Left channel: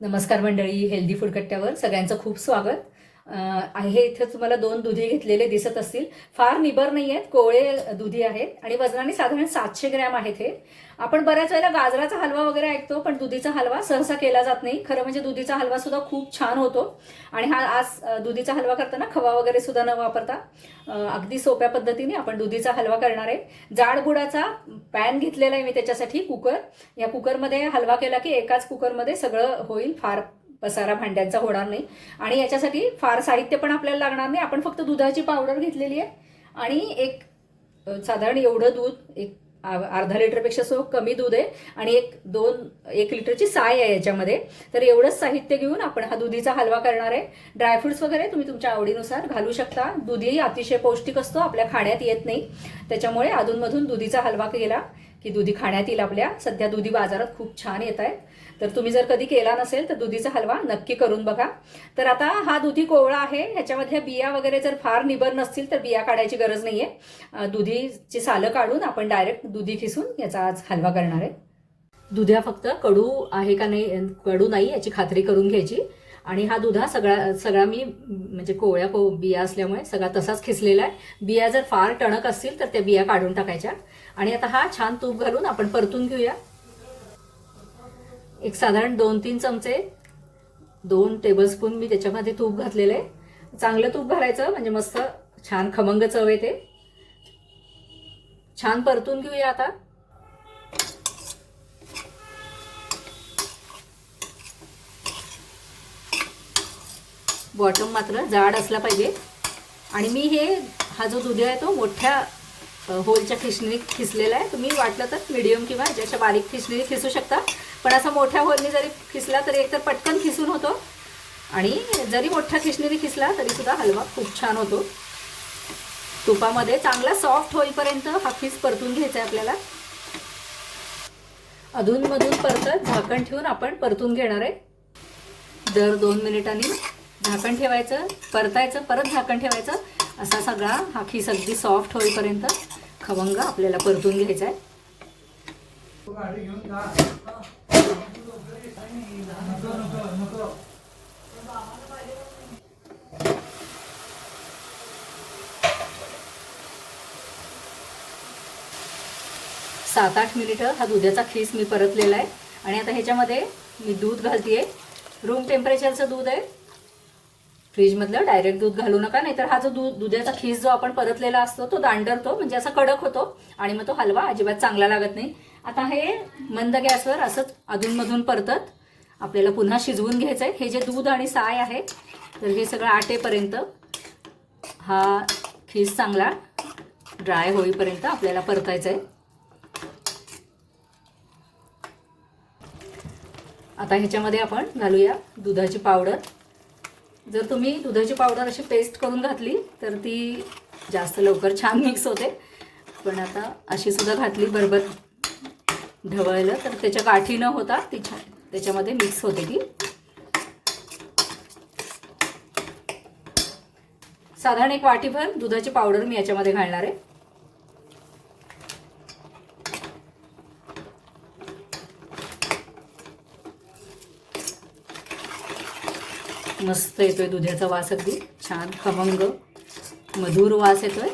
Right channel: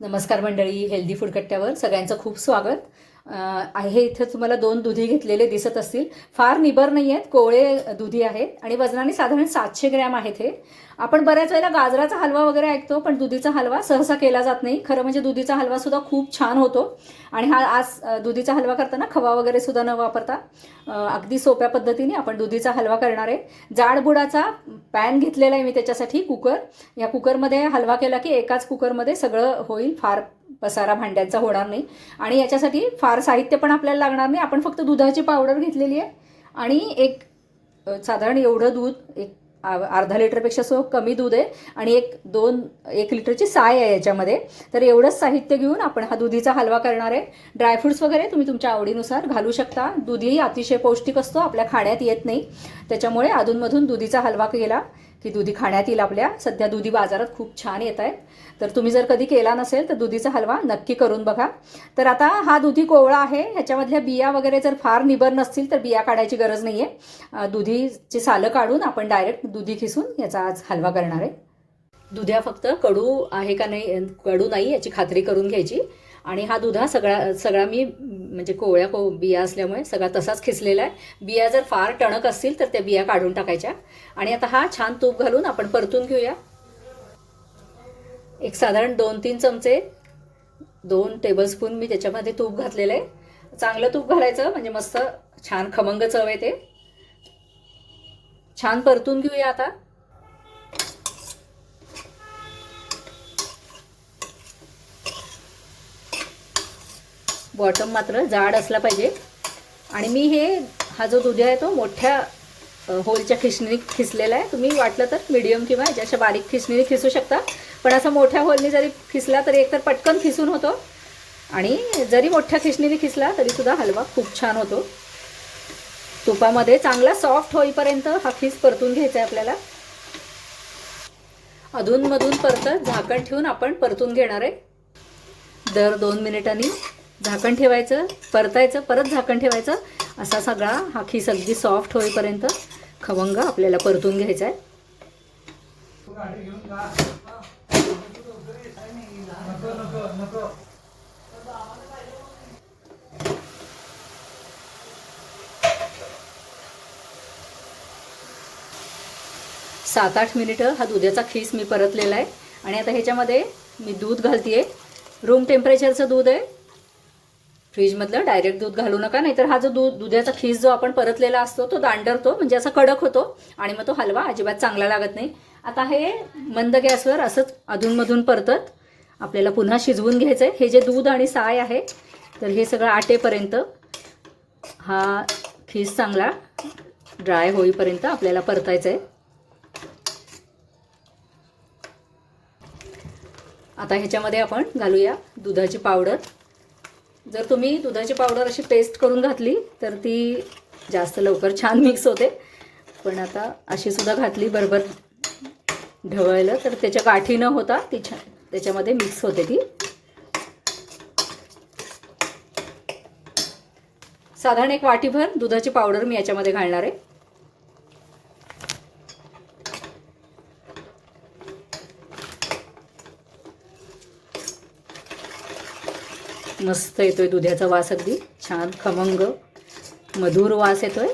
नमस्कार मंडळी healthy food कट्ट्यावर सगळ्यांचं खूप स्वागत. हे आहे इथे तुम्हाला दोन दुधी घेतलेले दिसत असतील. फार निबर नाही आहेत कोवळे दुधी आहेत आणि वजनाने साधारण सातशे ग्रॅम आहेत हे. आपण बऱ्याच वेळेला गाजराचा हलवा वगैरे ऐकतो पण दुधीचा हलवा सहसा केला जात नाही. खरं म्हणजे दुधीचा हलवा सुद्धा खूप छान होतो. आणि हा आज दुधीचा हलवा करताना खवा वगैरे सुद्धा न वापरता अगदी सोप्या पद्धतीने आपण दुधीचा हलवा करणार आहे. जाडबुडाचा पॅन घेतलेला आहे मी त्याच्यासाठी कुकर. या कुकरमध्ये हलवा केला की एकाच कुकरमध्ये सगळं होईल फार पसारा भांड्यांचा होणार नाही. आणि याच्यासाठी फार साहित्य पण आपल्याला लागणार नाही. आपण फक्त दुधाची पावडर घेतलेली आहे. आणि एक साधारण एवढं दूध एक आ- अर्धा लिटरपेक्षा सो कमी दूध आहे. आणि एक दोन एक लिटरची साय आहे याच्यामध्ये. तर एवढंच साहित्य घेऊन आपण हा दुधीचा हलवा करणार आहे. ड्रायफ्रुट्स वगैरे तुम्ही तुमच्या आवडीनुसार घालू शकता. दुधीही अतिशय पौष्टिक असतो. आपल्या खाण्यात येत नाही. त्याच्यामुळे अधूनमधून दुधीचा हलवा केला. की दुधी खाण्यात येईल आपल्या. सध्या दुधी बाजारात खूप छान येत आहेत तर तुम्ही जर कधी केला नसेल तर दुधीचा हलवा नक्की करून बघा. तर आता हा दुधी कोवळा आहे. ह्याच्यामधल्या बिया वगैरे जर फार निबर नसतील तर बिया काढायची गरज नाही आहे दुधीची सालं काढून आपण डायरेक्ट दुधी खिसून याचा आज हलवा करणार आहे. दुध्या फक्त कडू आहे का नाही कडू नाही याची खात्री करून घ्यायची. आणि हा दुधा सगळा सगळा मी म्हणजे कोवळ्या को बिया असल्यामुळे सगळा तसाच खिसलेला आहे. बिया जर फार टणक असतील तर त्या बिया काढून टाकायच्या. आणि आता हा छान तूप घालून आपण परतून घेऊया. एक साधारण दोन तीन चमचे दोन टेबलस्पून मी त्याच्यामध्ये तूप घातलेलं आहे. चांगलं तूप घालायचं म्हणजे मस्त छान खमंग चव येते. छान परतून घेऊया आता. बॉटम मात्र जाड असला पाहिजे. आणि मी हे हा जो दुधी आहे तो मोठ्या होलच्या खिसणी खिसलेला आहे. तुम्ही वाटलं तर मिडियम किंवा ज्याच्या बारीक खिसणीने खिसू शकता. पण असं मोठ्या होलने जरी खिसला तरी एकतर पटकन खिसून होतो. आणि जरी मोठ्या खिसणीने खिसला तरीसुद्धा हलवा खूप छान होतो. तुपामध्ये चांगला सॉफ्ट होईपर्यंत हा खिस परतून घ्यायचा आहे आपल्याला. अधूनमधून परत झाकण ठेवून आपण परतून घेणार आहे. दर दोन मिनिटांनी झाकण ठेवायचं परतायचं परत झाकण ठेवायचं. असा सगळा हा खीस अगदी सॉफ्ट होईपर्यंत खवंग आपल्याला परतून घ्यायचा आहे. सात आठ मिनिटं हा दुधाचा खीस मी परतलेला आहे. आणि आता ह्याच्यामध्ये मी दूध घालते रूम टेम्परेचरचं दूध आहे. फ्रीजमधलं डायरेक्ट दूध घालू नका नाहीतर हा जो दूध दुधाचा खीस जो आपण परतलेला असतो तो दांडरतो म्हणजे असा कडक होतो आणि मग तो हलवा अजिबात चांगला लागत नाही. आता हे मंद गॅसवर असंच अधूनमधून परतत. आपल्याला पुन्हा शिजवून घ्यायचं आहे हे जे दूध आणि साय आहे तर हे सगळं आटेपर्यंत हा खीस चांगला ड्राय होईपर्यंत आपल्याला परतायचं आहे आता ह्याच्यामध्ये आपण घालूया दुधाची पावडर. जर तुम्ही दुधाची पावडर अशी पेस्ट करून घातली तर ती जास्त लवकर छान मिक्स होते. पण आता अशी सुद्धा घातली बरोबर ढवळलं तर त्याच्या गाठी न होता ती छान त्याच्यामध्ये मिक्स होते ती. साधारण एक वाटीभर दुधाची पावडर मी याच्यामध्ये घालणार आहे. मस्त येतोय दुधाचा वास अगदी. छान खमंग मधुर वास येतोय.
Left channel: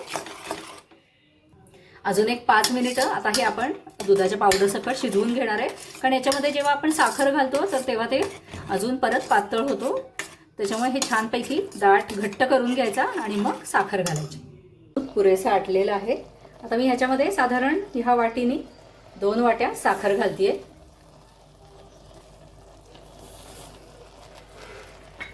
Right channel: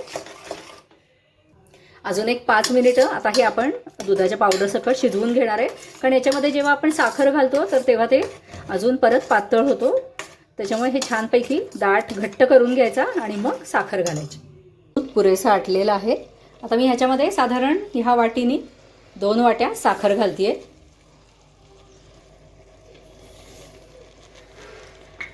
अजून एक पाच मिनिटं आता हे आपण दुधाच्या पावडर सकट शिजवून घेणार आहे. कारण याच्यामध्ये जेव्हा आपण साखर घालतो तर तेव्हा ते अजून परत पातळ होतो. त्याच्यामुळे हे छानपैकी दाट घट्ट करून घ्यायचा आणि मग साखर घालायची. दूध पुरेसं आटलेलं आहे. आता मी ह्याच्यामध्ये साधारण ह्या वाटीने दोन वाट्या साखर घालतीये.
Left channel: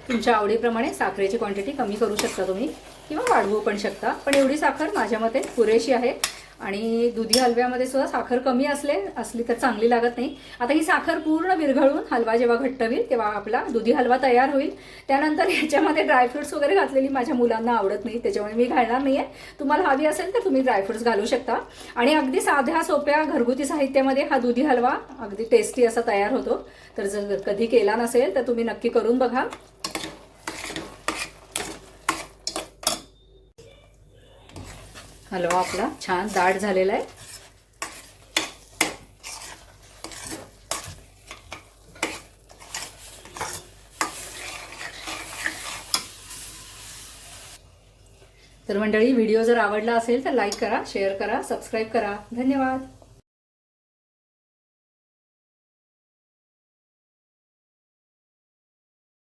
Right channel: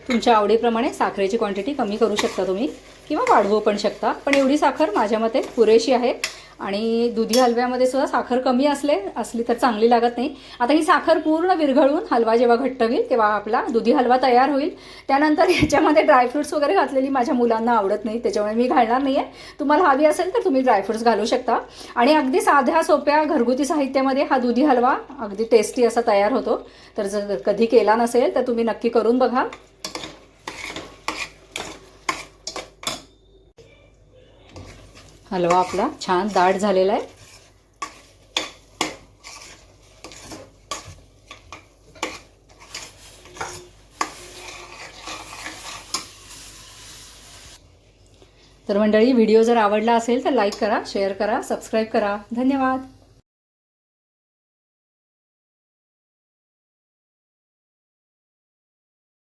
तुमच्या आवडीप्रमाणे साखरेची क्वांटिटी कमी करू शकता तुम्ही किंवा वाढवू पण शकता. पण एवढी साखर माझ्या मते पुरेशी आहे. आणि दुधी हलव्यामध्ये सुद्धा साखर कमी असले असली तर चांगली लागत नाही. आता ही साखर पूर्ण विरघळून हलवा जेव्हा घट्ट होईल तेव्हा आपला दुधी हलवा तयार होईल. त्यानंतर ह्याच्यामध्ये ड्रायफ्रुट्स वगैरे घातलेली माझ्या मुलांना आवडत नाही. त्याच्यामुळे मी घालणार नाही आहे तुम्हाला हवी असेल तर तुम्ही ड्रायफ्रुट्स घालू शकता. आणि अगदी साध्या सोप्या घरगुती साहित्यामध्ये हा दुधी हलवा अगदी टेस्टी असा तयार होतो. तर जर कधी केला नसेल तर तुम्ही नक्की करून बघा. हलवा आपला. छान दाट झालेला आहे. तर मंडळी व्हिडिओ जर आवडला असेल तर लाईक करा शेअर करा सबस्क्राईब करा. धन्यवाद.